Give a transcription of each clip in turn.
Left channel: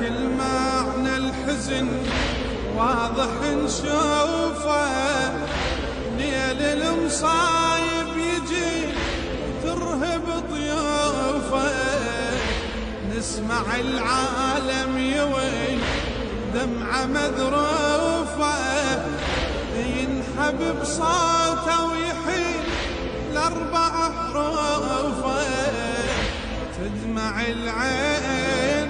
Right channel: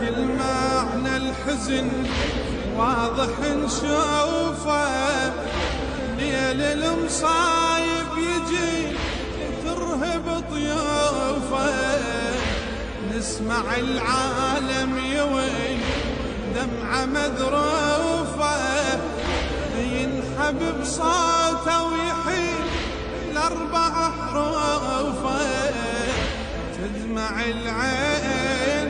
كل معنى الحزن واضح نشوفه، ليل المصايب يجي وترهب طيوفه، نسمع العالم يوي دمعة مذروفة، ينحب بصوته ويحيل الأربع حروفه، تدمع العين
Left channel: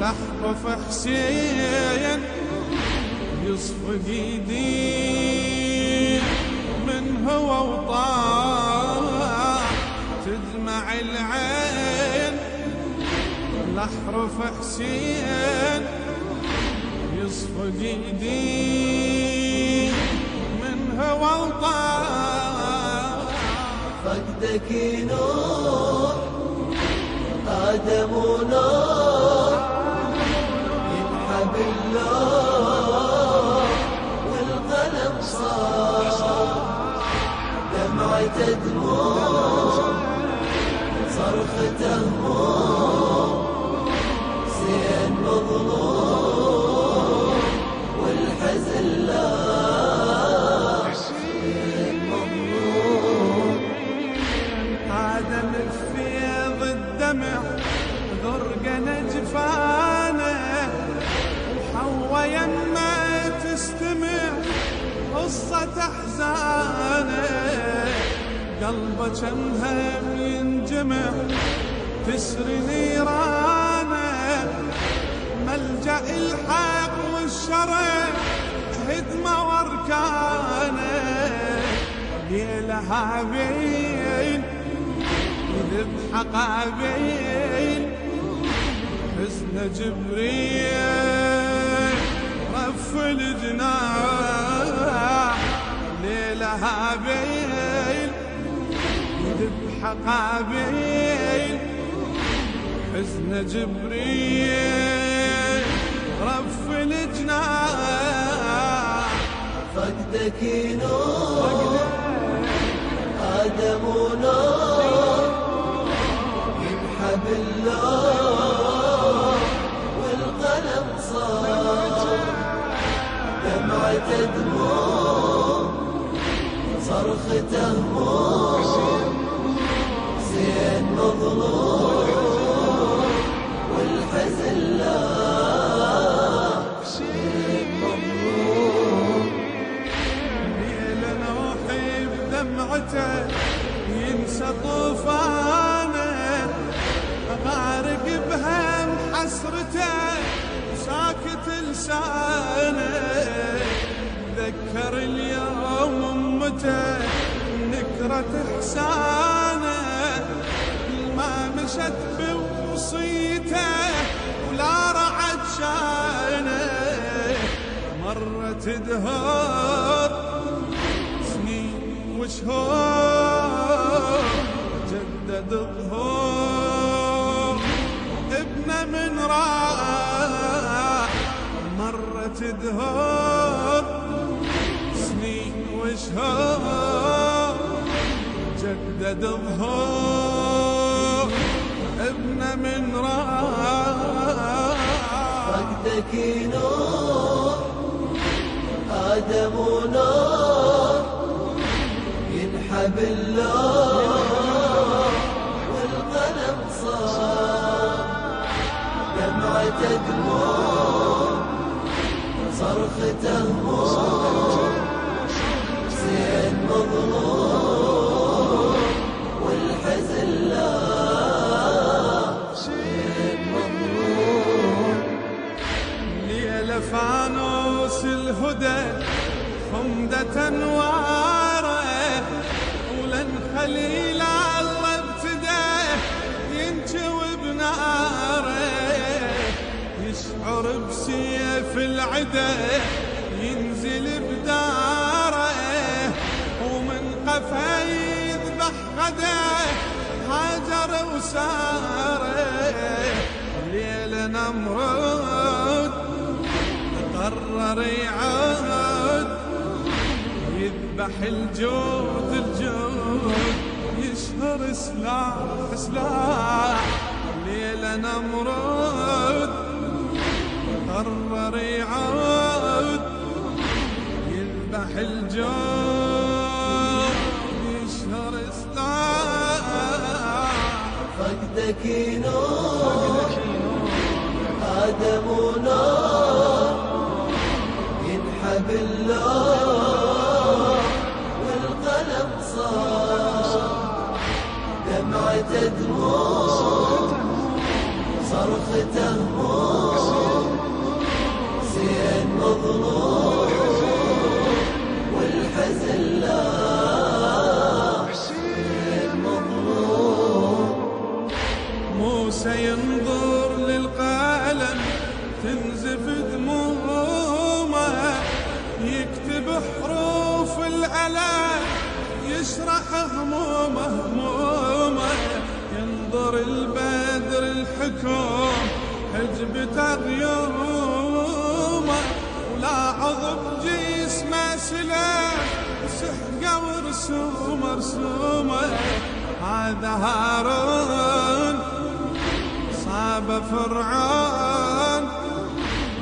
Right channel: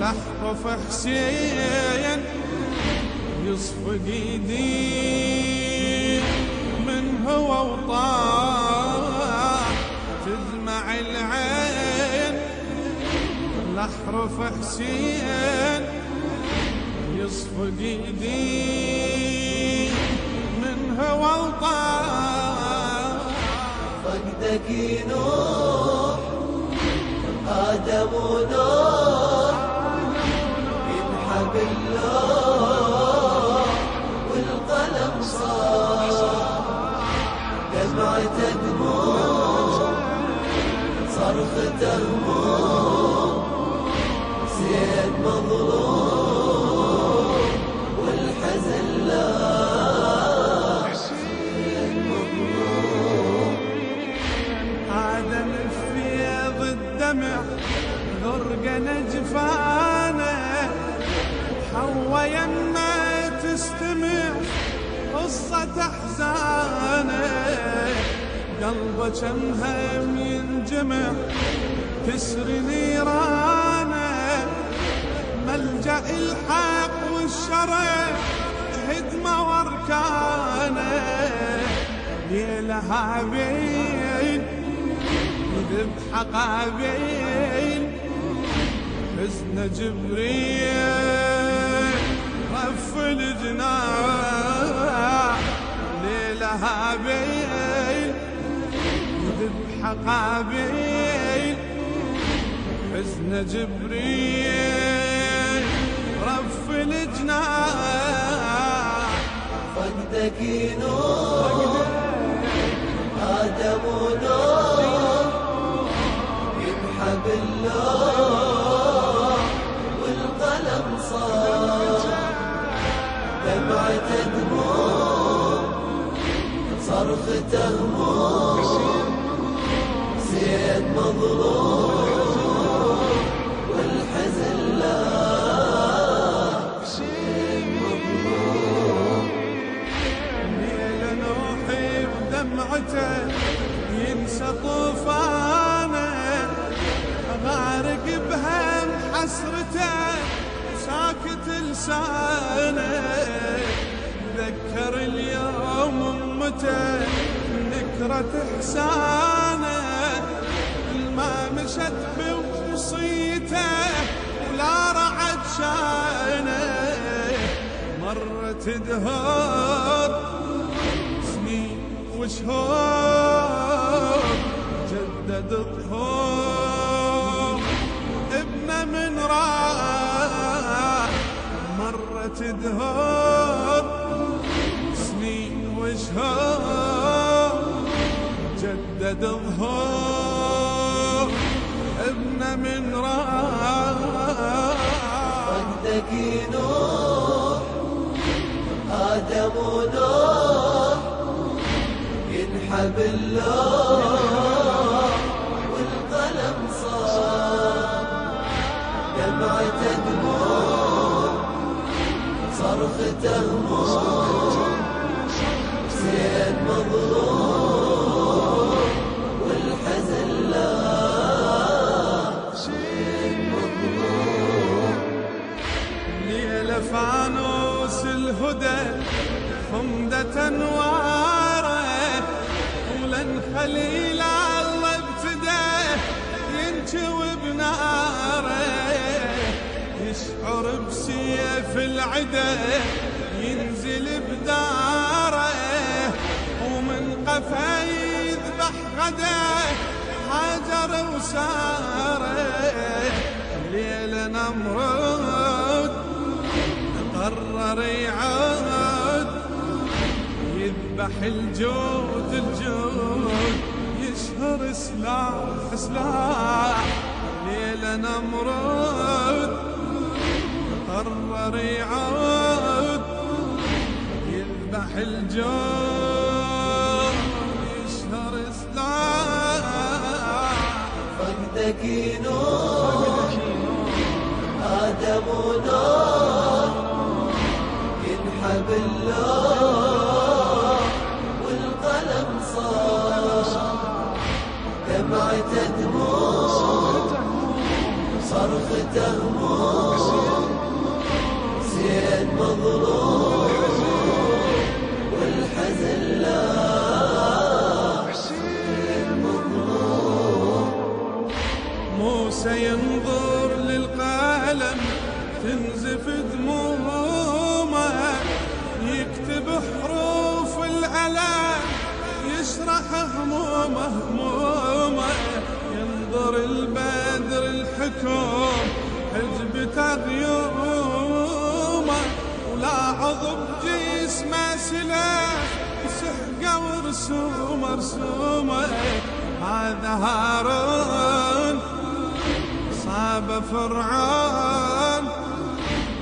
لحظة حسين يصفق ايدي من هو وطاح، تدمع العين لحرف حسين يصفق ايدي من هو وطاح. فقدك نور آدم ونور ينحب اللوح والقلم صار، دمعته دموع صرخته هموم، زين مظلوم والحزن لا آدم في فيض الدمع غرقنا جفانه، وحوا يما تستمع قصة أحزانه، قلبه كم هم ينجمع تسري نيرانه، ملجأ الحق والشرع هدمة واركانه، ليلها بين يذبح قابيل حزن جبريل رف الجناح، ليلها بين يذبح قابيل حزن جبريل رف الجناح. فقدك نور آدم ونور ينحب اللوح والقلم صار، دمعته دموع صرخته هموم، زين مظلوم والحزن لا دمعته ينسى طوفانه، غارق بهم حسرته وساكت لسانه، ذكر اليوم امته نكرة احسانه، ما مشت بوصيته ولا رعد شانه، مرت دهور وشهور جدد ظهور ابنه من راح، مرت دهور سنين وشهور جدد ظهور ابنه من راح. فقدك نور آدم ونور ينحب اللوح والقلم صار، دمعته دموع صرخته هموم، زين مظلوم والحزن لا ليلة فانوس الهدى خمدة انواره، ولن خليل الله ابتدى ينجوي بناره، يشعر بسيف العدا ينزل بداره، ومن قفا يذبح غدا هاجر وساره، ليل نمرود قرر يعود يذبح الجود الجود يشهر سلاح سلاح، ليلة نمرود قرر يعود يذبح الجود يشهر سلاح. فقدك نور آدم ونور ينحب اللوح والقلم صار دمعة دموع صرخته هموم حسين مظلوم والحزن لا حسين مظلوم. موسى ينظر للقلم تنزف دمومه يكتب حروف الألم يشرح همومه ينظر البدر الحكوم حجبته غيومه ولاحظ بجسمه سلاح وسحقه ورسومه هذا هارون صاب فرعون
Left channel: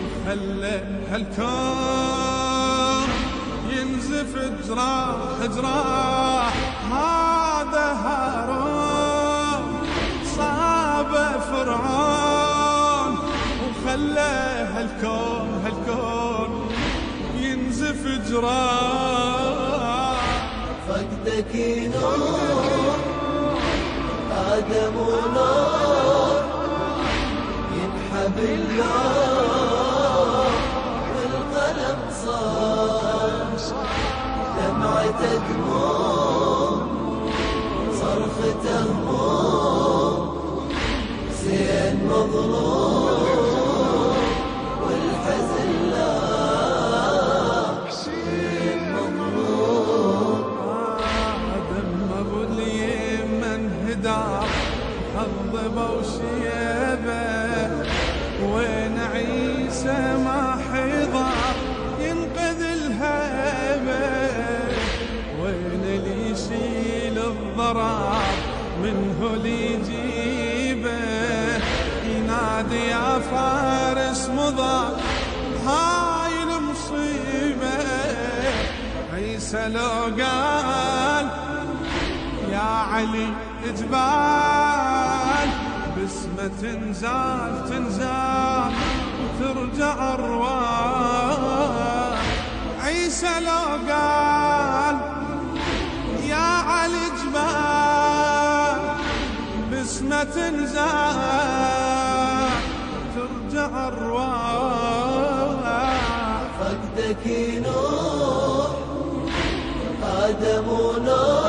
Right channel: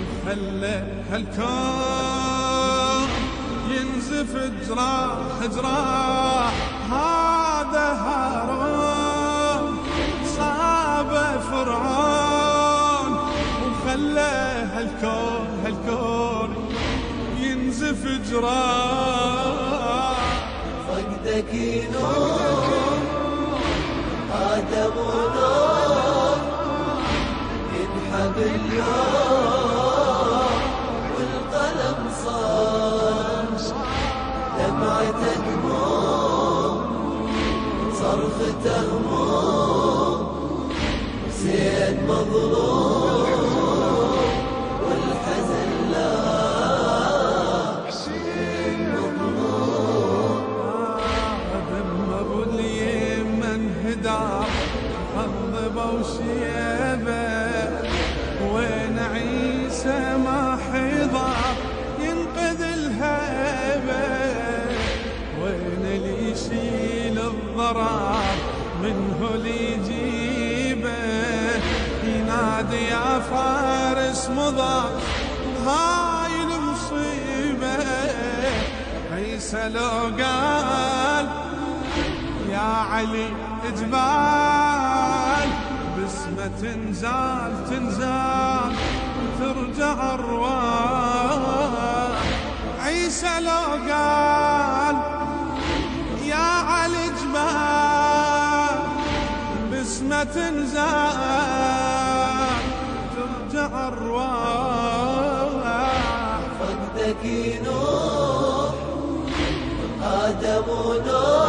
وخلى هالكون ينزف جراح. هذا هارون صاب فرعون وخلى هالكون ينزف جراح. فقدك نور آدم ونور ينحب اللوح والقلم صار دمعة دموع صرخته هموم حسين مظلوم والحزن لا حسين مظلوم. دم ابو اليمن هدار خضبه وشيبه وين عيسى ما حضر ينقذ الهيبه وين اللي يشيل الضرر منه اللي يجيبه ينادي يا فارس مضى هاي المصيبه. عيسى لو قال يا علي اجبال بسمة تنزال وترجع ارواح. عيسى لو قال يا علي اجبال بسمة تنزال ترجع ارواح. فقدك نور آدم ونور